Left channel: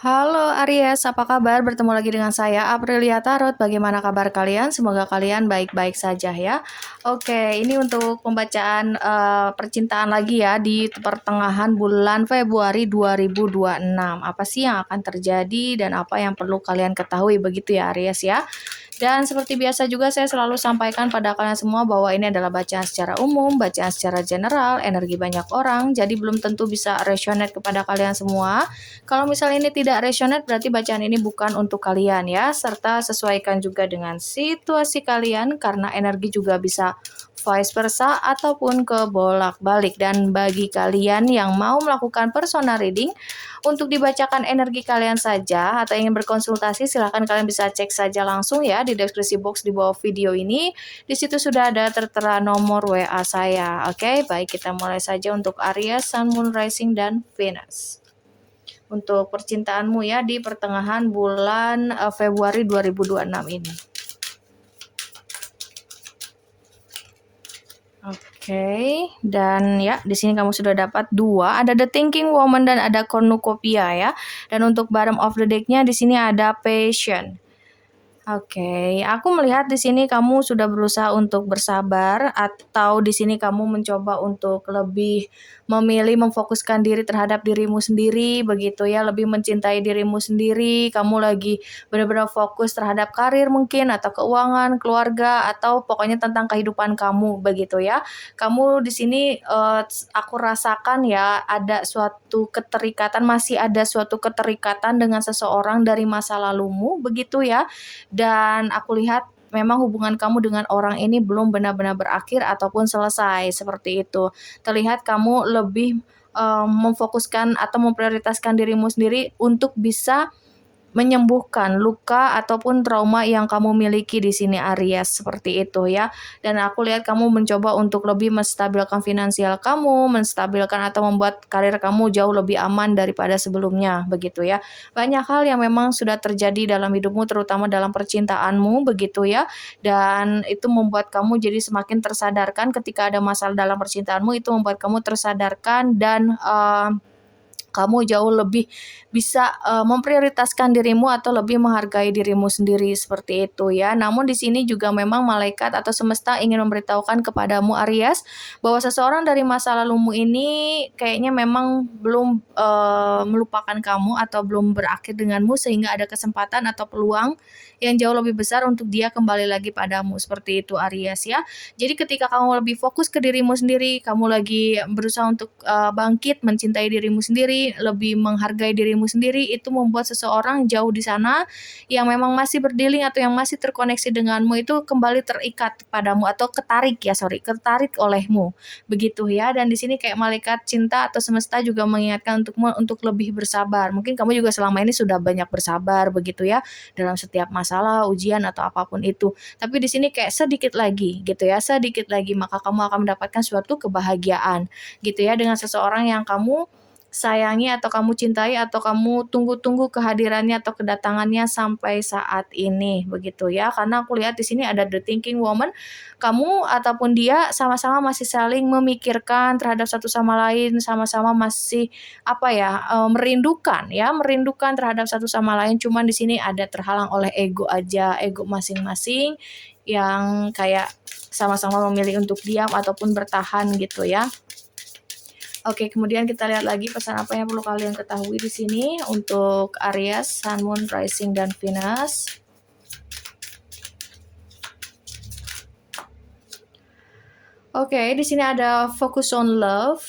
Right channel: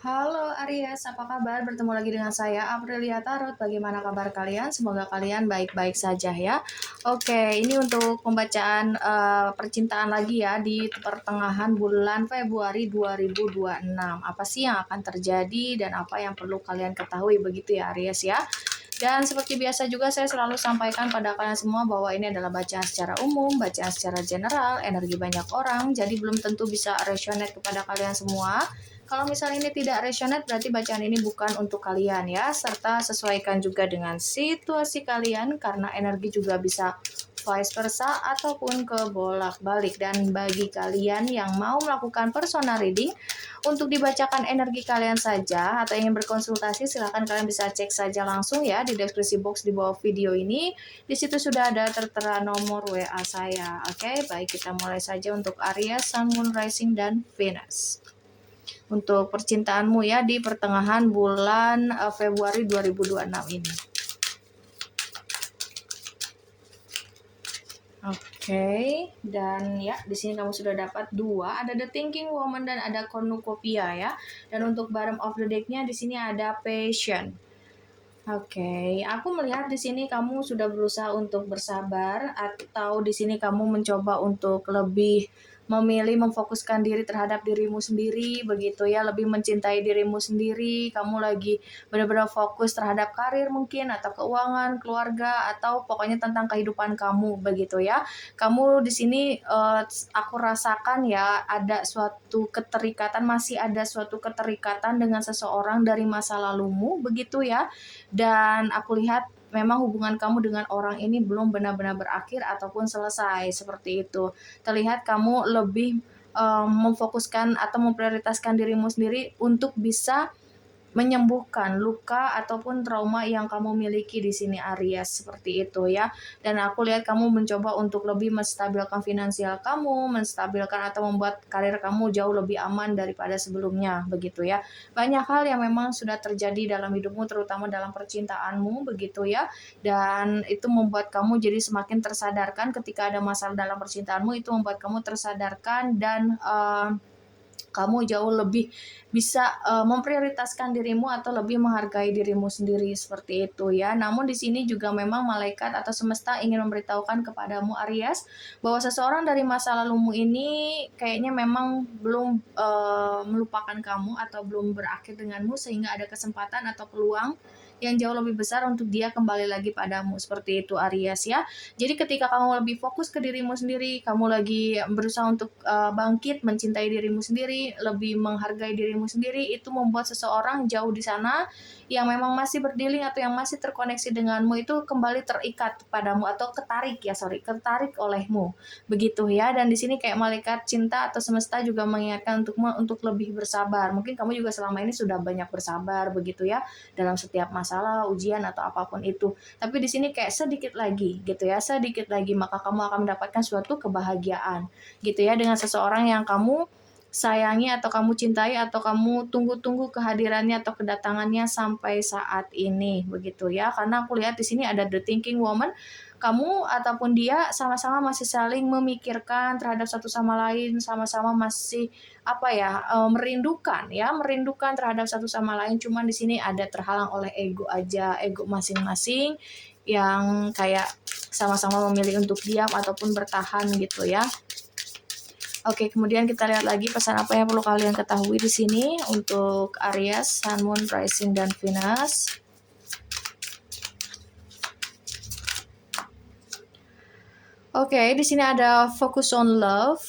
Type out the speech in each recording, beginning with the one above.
Halo Aries, apa kabar? Bertemu lagi dengan saya Aprilia Tarot. Bagaimana kabar kalian? Semoga kalian baik-baik saja ya. Oke, ini untuk pembacaan percintaan lagi ya di pertengahan bulan Februari 2026. Apa sih yang akan terjadi dan apa yang perlu kalian ketahui begitu ya Aries ya? Dan seperti biasa juga saya selalu sampaikan pada kalian semua bahwa ini adalah bacaan secara umum, bacaan secara general, energi banyak orang, jadi belum tentu bisa resonate kepada kalian semua. Kalau misalnya ini tidak resonate, berarti bacaan ini bukan untuk kalian ya, serta sesuaikan juga dengan situasi kalian, karena energi juga bisa vice versa ataupun kebolak-balik. Dan bagi kalian yang mau melakukan personal reading, untuk dibacakan energi kalian saja atau ingin berkonsultasi, silahkan kalian bisa cek saja langsung ya di deskripsi box di bawah video ini. Di situ sudah ada tertera nomor WA saya. Oke, baik, kita mulai saja untuk Aries, Sun, Moon, Rising, dan Venus. Untuk percintaanmu ya di pertengahan bulan Februari 2026 ini. Oke, dan ya di sini kamu sudah dapat dua, ada The Thinking Woman dan ada Cornucopia ya. Dan untuk bottom of the deck-nya di sini ada Passion. Oke, aku melihat di sini kamu sudah berusaha untuk bersabar atau di sini kamu mencoba untuk lebih memilih memfokuskan diri terhadap dirimu sendiri begitu ya, lebih mencintai dirimu sendiri. Kamu lagi benar-benar fokus terhadap karir mungkin atau keuangan, keluarga atau pokoknya tentang kehidupan kamu begitu ya. Kamu di sini aku rasakan ya ada suatu keterikatan, masih ada suatu keterikatan dengan seseorang dari masa lalumu begitu ya. Dan aku lihat memang hubungan kamu dengan orang ini belum benar-benar berakhir ataupun selesai, seperti itu. Terlihat kamu lebih memfokuskan atau memprioritaskan dirimu sendiri untuk bisa menyembuhkan luka ataupun trauma yang kamu miliki di sini Aries, seperti itu ya. Dan aku lihat kamu mencoba untuk lebih menstabilkan finansial kamu, menstabilkan atau membuat karir kamu jauh lebih aman daripada sebelumnya begitu ya. Banyak hal yang memang sudah terjadi dalam hidupmu terutama dalam percintaanmu begitu ya. Dan itu membuat kamu jadi semakin tersadarkan ketika ada masalah dalam percintaanmu, itu membuat kamu tersadarkan dan kamu jauh lebih bisa memprioritaskan dirimu atau lebih menghargai dirimu sendiri seperti itu ya. Namun di sini juga memang malaikat atau semesta ingin memberitahukan kepadamu Aries bahwa seseorang dari masa lalumu ini kayaknya memang belum melupakan kamu atau belum berakhir denganmu sehingga ada kesempatan atau peluang yang jauh lebih besar untuk dia kembali lagi padamu seperti itu Aries ya. Jadi ketika kamu lebih fokus ke dirimu sendiri, kamu lagi berusaha untuk bangkit, mencintai dirimu sendiri, lebih menghargai dirimu sendiri, itu membuat seseorang jauh di sana yang memang masih berdealing atau yang masih terkoneksi denganmu itu kembali terikat padamu atau ketarik olehmu. Begitu ya. Dan di sini kayak malaikat cinta atau semesta juga mengingatkan untukmu untuk lebih bersabar. Mungkin kamu juga selama ini sudah banyak bersabar begitu ya dalam setiap masalah, ujian atau apapun itu. Tapi di sini kayak sedikit lagi gitu ya, sedikit lagi maka kamu akan mendapatkan suatu kebahagiaan gitu ya dengan seseorang yang kamu sayangi atau kamu cintai atau kamu tunggu-tunggu kehadirannya atau kedatangannya sampai saat ini begitu ya. Karena aku lihat di sini ada The Thinking Woman, kamu ataupun dia sama-sama masih saling memikirkan terhadap satu sama lain, sama-sama masih merindukan terhadap satu sama lain. Cuman di sini ada terhalang oleh ego aja, ego masing-masing yang kayak sama-sama memilih untuk diam ataupun bertahan gitu ya. Oke, kemudian kita lihat lagi pesan apa yang perlu kalian ketahui di sini untuk Aries, Sun, Moon, Rising, dan Venus. Oke, di sini ada focus on love.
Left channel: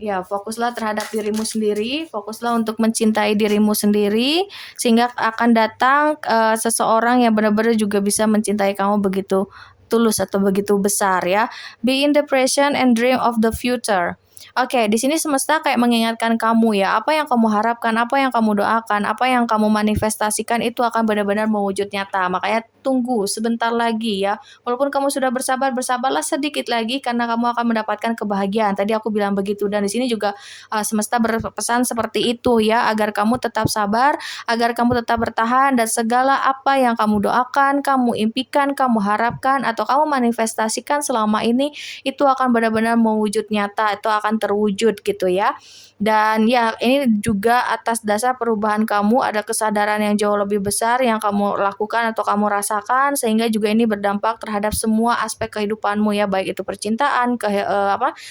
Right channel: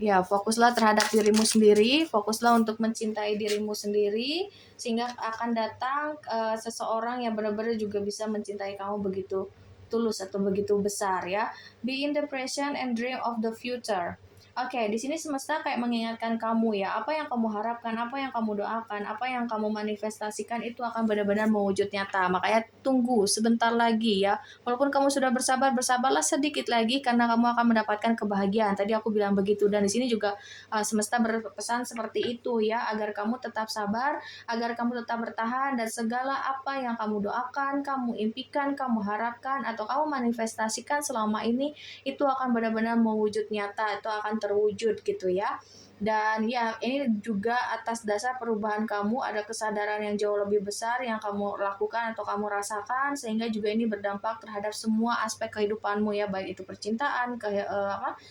Ya, fokuslah terhadap dirimu sendiri, fokuslah untuk mencintai dirimu sendiri, sehingga akan datang seseorang yang benar-benar juga bisa mencintai kamu begitu tulus atau begitu besar ya. Be in the present and dream of the future. Oke, di sini semesta kayak mengingatkan kamu ya, apa yang kamu harapkan, apa yang kamu doakan, apa yang kamu manifestasikan itu akan benar-benar mewujud nyata. Makanya tunggu sebentar lagi ya. Walaupun kamu sudah bersabar, bersabarlah sedikit lagi karena kamu akan mendapatkan kebahagiaan. Tadi aku bilang begitu dan di sini juga semesta berpesan seperti itu ya, agar kamu tetap sabar, agar kamu tetap bertahan dan segala apa yang kamu doakan, kamu impikan, kamu harapkan atau kamu manifestasikan selama ini itu akan benar-benar mewujud nyata, itu akan akan terwujud gitu ya. Dan ya ini juga atas dasar perubahan kamu, ada kesadaran yang jauh lebih besar yang kamu lakukan atau kamu rasakan, sehingga juga ini berdampak terhadap semua aspek kehidupanmu ya, baik itu percintaan,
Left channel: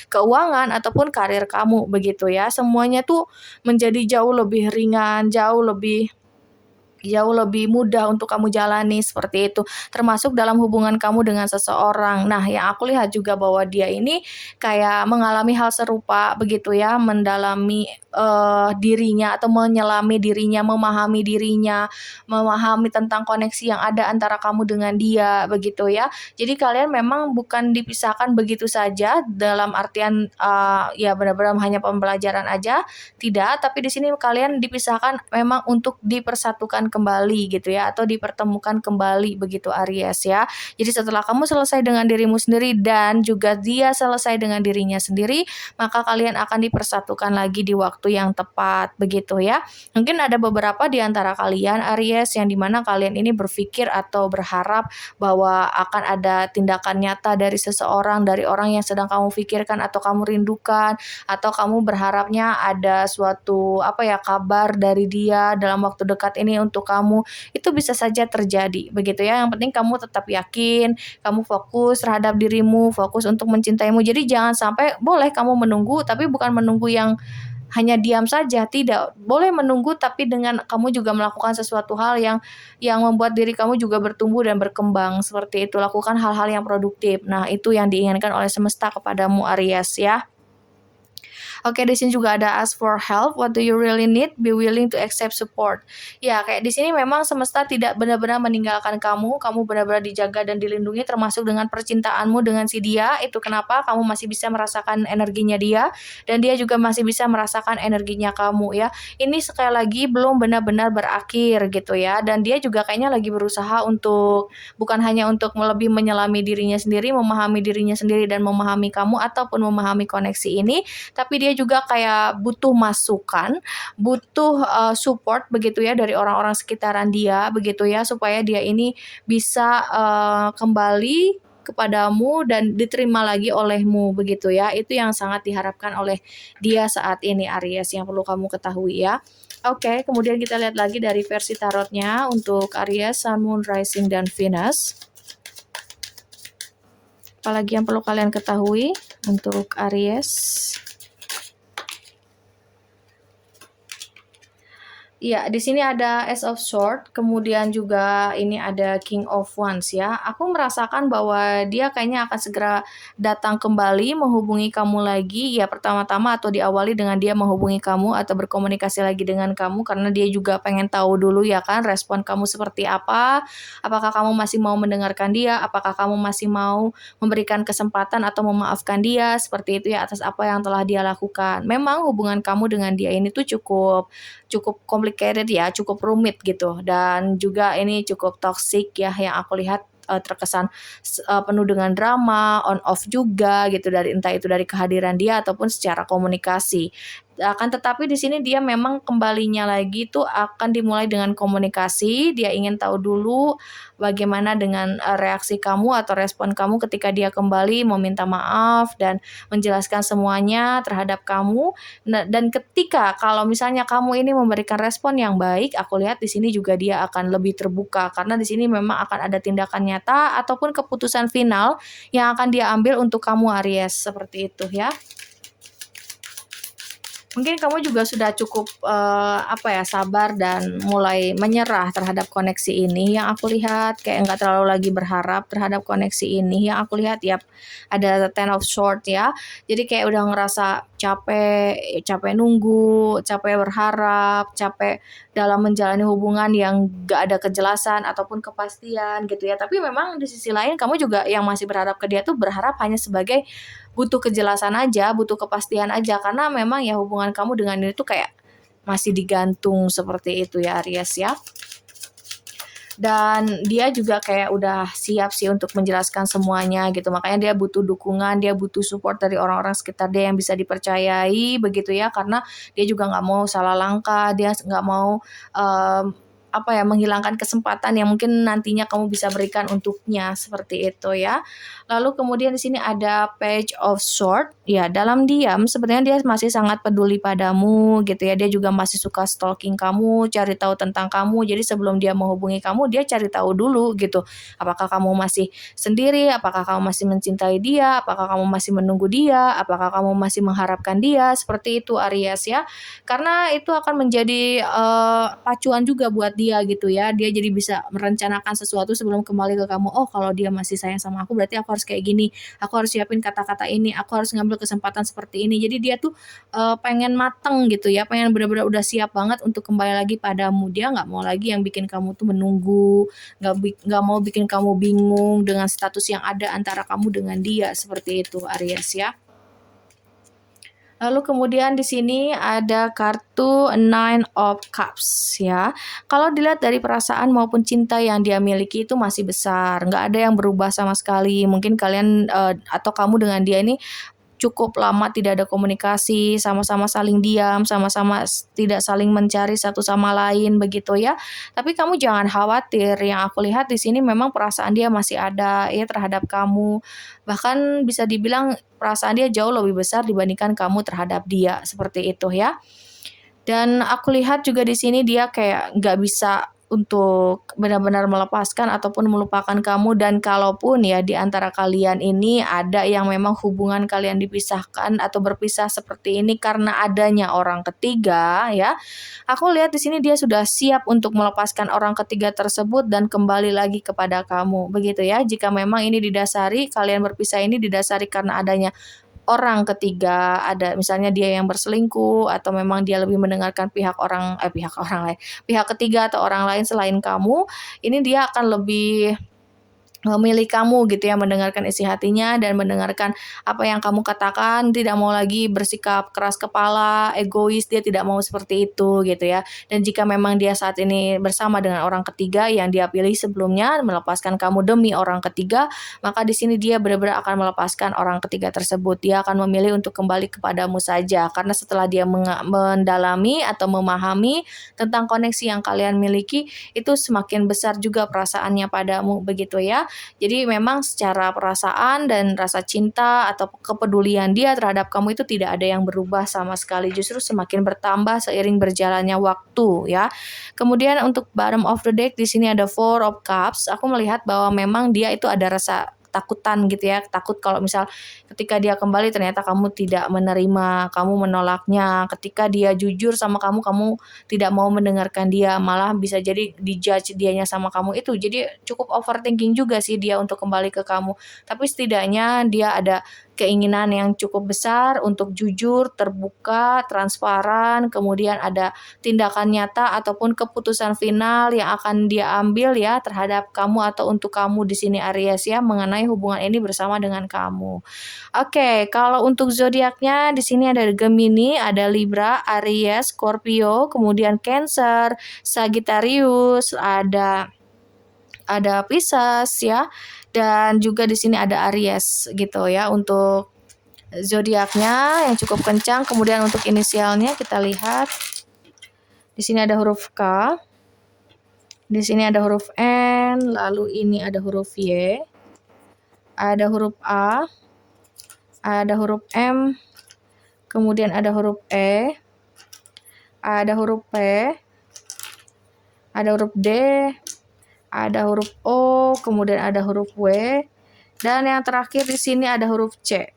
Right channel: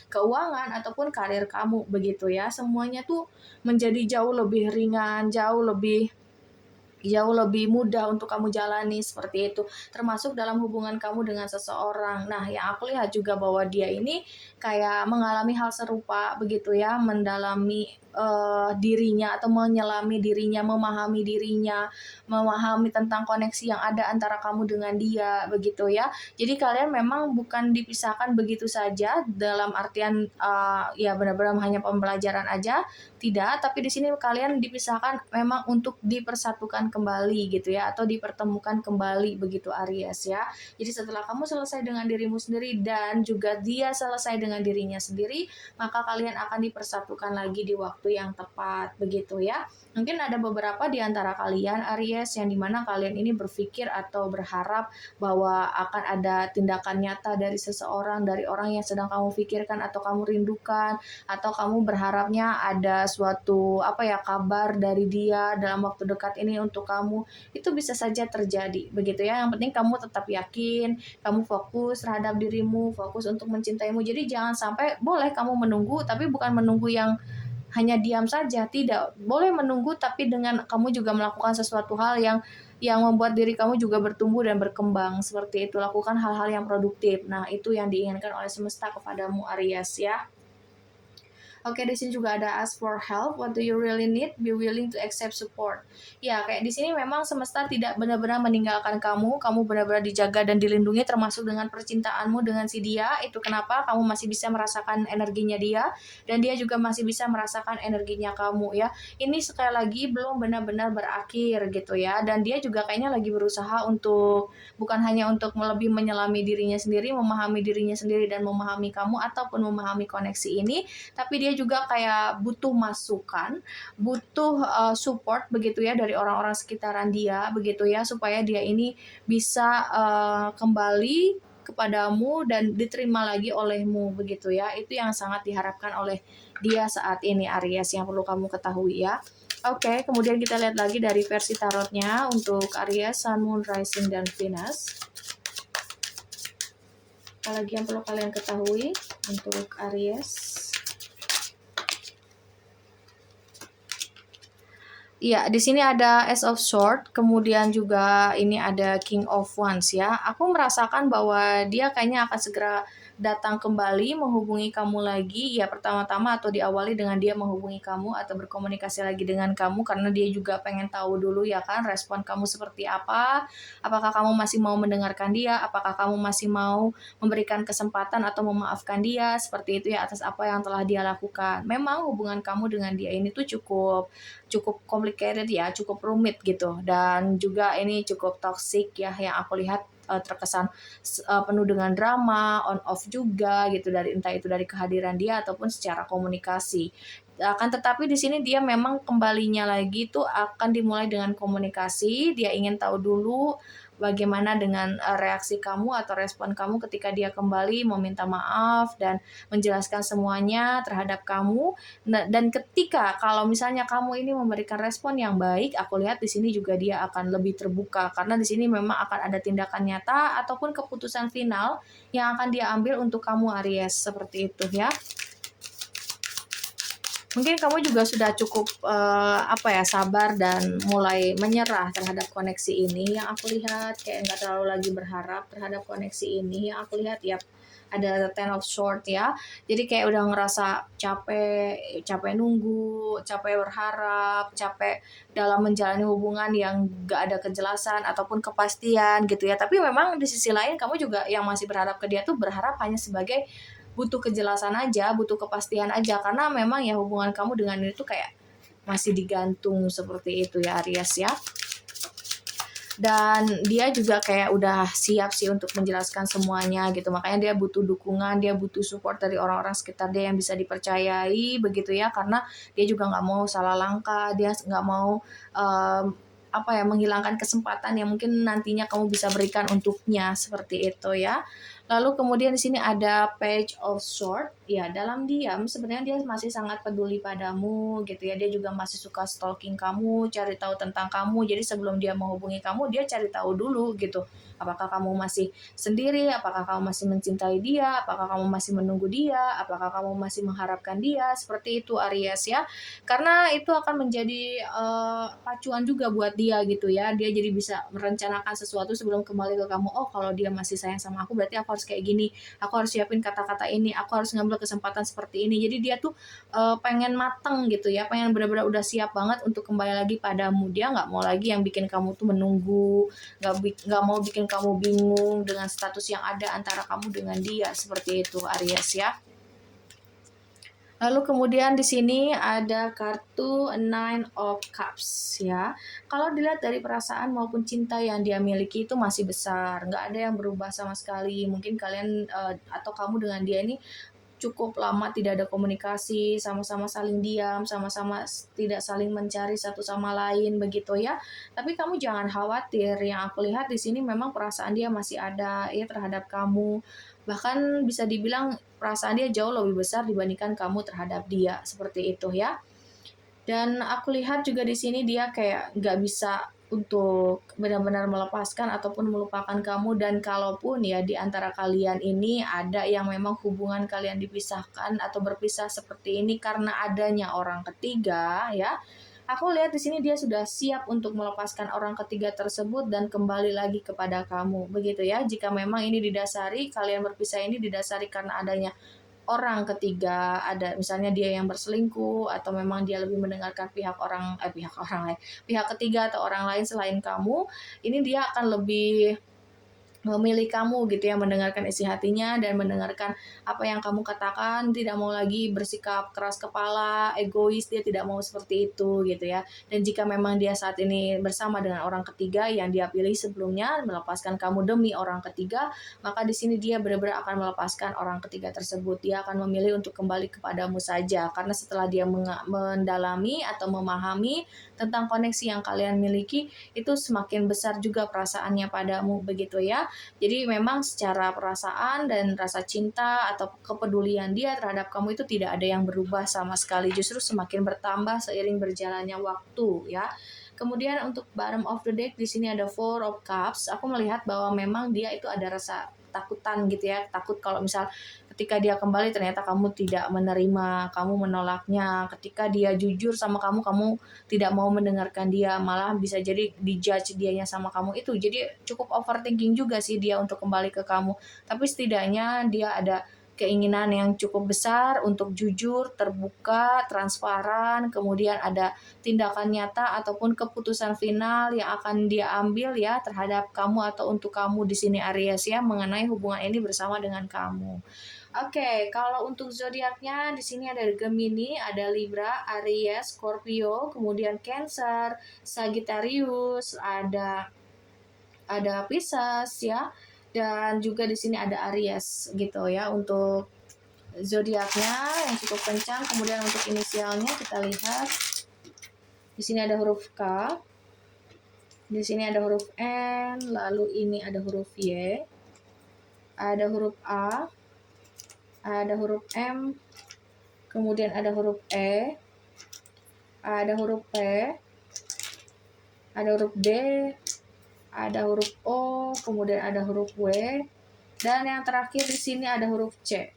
keuangan ataupun karir kamu begitu ya. Semuanya tuh menjadi jauh lebih mudah untuk kamu jalani seperti itu, termasuk dalam hubungan kamu dengan seseorang. Nah, yang aku lihat juga bahwa dia ini kayak mengalami hal serupa begitu ya, mendalami, dirinya atau menyelami dirinya, memahami tentang koneksi yang ada antara kamu dengan dia begitu ya. Jadi kalian memang bukan dipisahkan begitu saja dalam artian, ya benar-benar hanya pembelajaran aja, tidak, tapi di sini kalian dipisahkan memang untuk dipersatukan kembali gitu ya, atau dipertemukan kembali begitu Aries ya. Jadi setelah kamu selesai dengan dirimu sendiri dan juga dia selesai dengan dirinya sendiri, maka kalian akan dipersatukan lagi di waktu yang tepat begitu ya. Mungkin ada beberapa di antara kalian Aries yang dimana kalian ini berpikir atau berharap bahwa akan ada tindakan nyata dari seseorang, dari orang yang sedang kamu pikirkan atau kamu rindukan, atau kamu berharapnya ada suatu kabar dari dia dalam waktu dekat ini untuk kamu. Itu bisa saja terjadi begitu ya. Yang penting kamu tetap yakin, kamu fokus terhadap dirimu, fokus untuk mencintaimu. Jadi jangan sampai, boleh kamu menunggu tapi bukan menunggu yang hanya diam saja, tidak. Boleh menunggu tapi dengan kamu juga melakukan sesuatu hal yang membuat diri kamu juga bertumbuh dan berkembang. Seperti itu, lakukan hal-hal yang produktif. Nah, itu yang diinginkan oleh semesta kepadamu Aries ya. Oke, di sini juga ada ask for help. What do you really need? Be willing to accept support. Ya, kayak di sini memang semesta tidak benar-benar meninggalkan kamu. Kamu benar-benar dijaga dan dilindungi, termasuk dengan percintaanmu dengan si dia. Itu kenapa kamu masih bisa merasakan energinya dia, dan dia juga masih bisa merasakan energinya kamu ya. Ini sekali lagi belum benar-benar berakhir gitu ya. Dan dia juga kayaknya lagi berusaha untuk bukan hanya untuk lebih menyelami dirinya sendiri, memahami dirinya sendiri dan memahami kamu ataupun memahami koneksi ini, tapi dia juga kayak butuh masukan, butuh support begitu ya dari orang-orang sekitaran dia begitu ya, supaya dia ini bisa kembali kepadamu dan diterima lagi olehmu begitu ya. Itu yang sangat diharapkan oleh dia saat ini Aries, yang perlu kamu ketahui ya. Oke, kemudian kita lihat lagi dari versi tarotnya untuk Aries, Sun, Moon, Rising, dan Venus. Apalagi yang perlu kalian ketahui untuk Aries? Iya, di sini ada Ace of Swords, kemudian juga ini ada King of Wands ya. Aku merasakan bahwa dia kayaknya akan segera datang kembali, menghubungi kamu lagi. Ya, pertama-tama atau diawali dengan dia menghubungi kamu atau berkomunikasi lagi dengan kamu, karena dia juga pengen tahu dulu ya kan respon kamu seperti apa. Apakah kamu masih mau mendengarkan dia? Apakah kamu masih mau memberikan kesempatan atau memaafkan dia? Seperti itu ya, atas apa yang telah dia lakukan. Memang hubungan kamu dengan dia ini tuh cukup complicated ya, cukup rumit gitu, dan juga ini cukup toxic ya yang aku lihat, terkesan penuh dengan drama, on off juga gitu, dari entah itu dari kehadiran dia ataupun secara komunikasi. Akan tetapi di sini dia memang kembalinya lagi tuh akan dimulai dengan komunikasi. Dia ingin tahu dulu bagaimana dengan reaksi kamu atau respon kamu ketika dia kembali meminta maaf dan menjelaskan semuanya terhadap kamu. Nah, dan ketika kalau misalnya kamu ini memberikan respon yang baik, aku lihat di sini juga dia akan lebih terbuka, karena di sini memang akan ada tindakan nyata ataupun keputusan final yang akan dia ambil untuk kamu Aries, seperti itu ya. Mungkin kamu juga sudah cukup sabar dan mulai menyerah terhadap koneksi ini. Yang aku lihat kayak nggak terlalu lagi berharap terhadap koneksi ini. Yang aku lihat ya ada Ten of Swords ya. Jadi kayak udah ngerasa capek nunggu, capek berharap, capek dalam menjalani hubungan yang nggak ada kejelasan ataupun kepastian gitu ya. Tapi memang di sisi lain kamu juga yang masih berharap ke dia tuh berharap hanya sebagai butuh kejelasan aja, butuh kepastian aja, karena memang ya hubungan kamu dengan ini tuh kayak masih digantung seperti itu ya Aries ya. Dan dia juga kayak udah siap sih untuk menjelaskan semuanya gitu, makanya dia butuh dukungan, dia butuh support dari orang-orang sekitar dia yang bisa dipercayai begitu ya, karena dia juga nggak mau salah langkah, dia nggak mau menghilangkan kesempatan yang mungkin nantinya kamu bisa berikan untuknya, seperti itu ya. Lalu kemudian di sini ada Page of Sword, ya dalam diam sebenarnya dia masih sangat peduli padamu gitu ya, dia juga masih suka stalking kamu, cari tahu tentang kamu, jadi sebelum dia menghubungi kamu, dia cari tahu dulu gitu, apakah kamu masih sendiri, apakah kamu masih mencintai dia, apakah kamu masih menunggu dia, apakah kamu masih mengharapkan dia, seperti itu Aries ya. Karena itu akan menjadi, pacuan juga buat dia gitu ya, dia jadi bisa merencanakan sesuatu sebelum kembali ke kamu, "Oh kalau dia masih sayang sama aku berarti aku harus kayak gini, aku harus siapin kata-kata ini, aku harus ngambil kesempatan seperti ini." Jadi dia tuh, pengen mateng gitu ya, pengen benar-benar udah siap banget untuk kembali lagi padamu. Dia nggak mau lagi yang bikin kamu tuh menunggu, nggak mau bikin kamu bingung dengan status yang ada antara kamu dengan dia, seperti itu Aries ya. Lalu kemudian di sini ada kartu Nine of Cups ya. Kalau dilihat dari perasaan maupun cinta yang dia miliki itu masih besar, nggak ada yang berubah sama sekali. Mungkin kalian, atau kamu dengan dia ini cukup lama tidak ada komunikasi, sama-sama saling diam, sama-sama tidak saling mencari satu sama lain begitu ya. Tapi kamu jangan khawatir, yang aku lihat di sini memang perasaan dia masih ada ya terhadap kamu. Bahkan bisa dibilang perasaan dia jauh lebih besar dibandingkan kamu terhadap dia, seperti itu ya. Dan aku lihat juga di sini dia kayak nggak bisa untuk benar-benar melepaskan ataupun melupakan kamu, dan kalaupun ya di antara kalian ini ada yang memang hubungan kalian dipisahkan atau berpisah seperti ini karena adanya orang ketiga ya. Aku lihat di sini dia sudah siap untuk melepaskan orang ketiga tersebut dan kembali lagi kepada kamu. Begitu ya. Jika memang ini didasari kalian berpisah ini didasari karena adanya orang ketiga, ada misalnya dia yang berselingkuh atau memang dia lebih mendengarkan pihak orang lain, pihak ketiga atau orang lain selain kamu, ini dia akan lebih memilih kamu gitu ya, mendengarkan isi hatinya dan mendengarkan apa yang kamu katakan, tidak mau lagi bersikap keras kepala, egois, dia tidak mau seperti itu gitu ya. Dan jika memang dia saat ini bersama dengan orang ketiga yang dia pilih sebelumnya, melepaskan kamu demi orang ketiga, maka di sini dia benar-benar akan melepaskan orang ketiga tersebut. Dia akan memilih untuk kembali kepadamu saja, karena setelah dia mendalami atau memahami tentang koneksi yang kalian miliki, itu semakin besar juga perasaannya padamu, begitu ya. Jadi memang secara perasaan dan rasa cinta atau kepedulian dia terhadap kamu itu tidak ada yang berubah sama sekali, justru semakin bertambah seiring berjalannya waktu ya. Kemudian untuk bottom of the deck di sini ada Four of Cups. Aku melihat bahwa memang dia itu ada rasa takutan gitu ya, takut kalau misal ketika dia kembali ternyata kamu tidak menerima, kamu menolaknya, ketika dia jujur sama kamu, kamu tidak mau mendengarkan dia, malah bisa jadi di-judge dianya sama kamu, itu jadi cukup overthinking juga sih dia untuk kembali ke kamu. Tapi setidaknya dia ada keinginan yang cukup besar untuk jujur, terbuka, transparan, kemudian ada tindakan nyata ataupun keputusan final yang akan dia ambil ya terhadap kamu atau untuk kamu di sini Aries ya, mengenai hubungan ini bersama dengan kamu. Oke, kalau untuk zodiaknya di sini ada Gemini, ada Libra, Aries, Scorpio, kemudian Cancer, Sagittarius, ada Pisces ya, dan juga di sini ada Aries gitu ya untuk zodiaknya yang cukup kencang. Kemudian untuk inisialnya kita lihat di sini ada huruf K, di sini ada huruf N, lalu ini ada huruf Y, ada huruf A, ada huruf M, kemudian ada huruf E, ada huruf P, ada huruf D, ada huruf O, kemudian ada huruf W, dan yang terakhir di sini ada huruf C.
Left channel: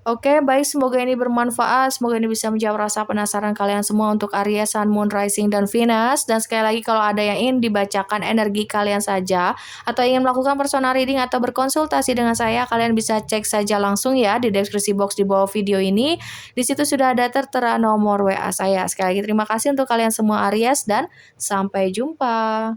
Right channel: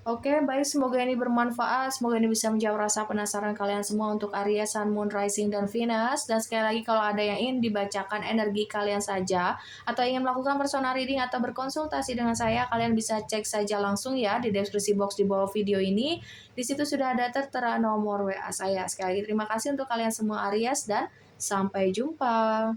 Oke, baik, semoga ini bermanfaat, semoga ini bisa menjawab rasa penasaran kalian semua untuk Aries, Sun, Moon, Rising, dan Venus. Dan sekali lagi kalau ada yang ingin dibacakan energi kalian saja, atau ingin melakukan personal reading atau berkonsultasi dengan saya, kalian bisa cek saja langsung ya di deskripsi box di bawah video ini. Di situ sudah ada tertera nomor WA saya. Sekali lagi terima kasih untuk kalian semua Aries dan sampai jumpa.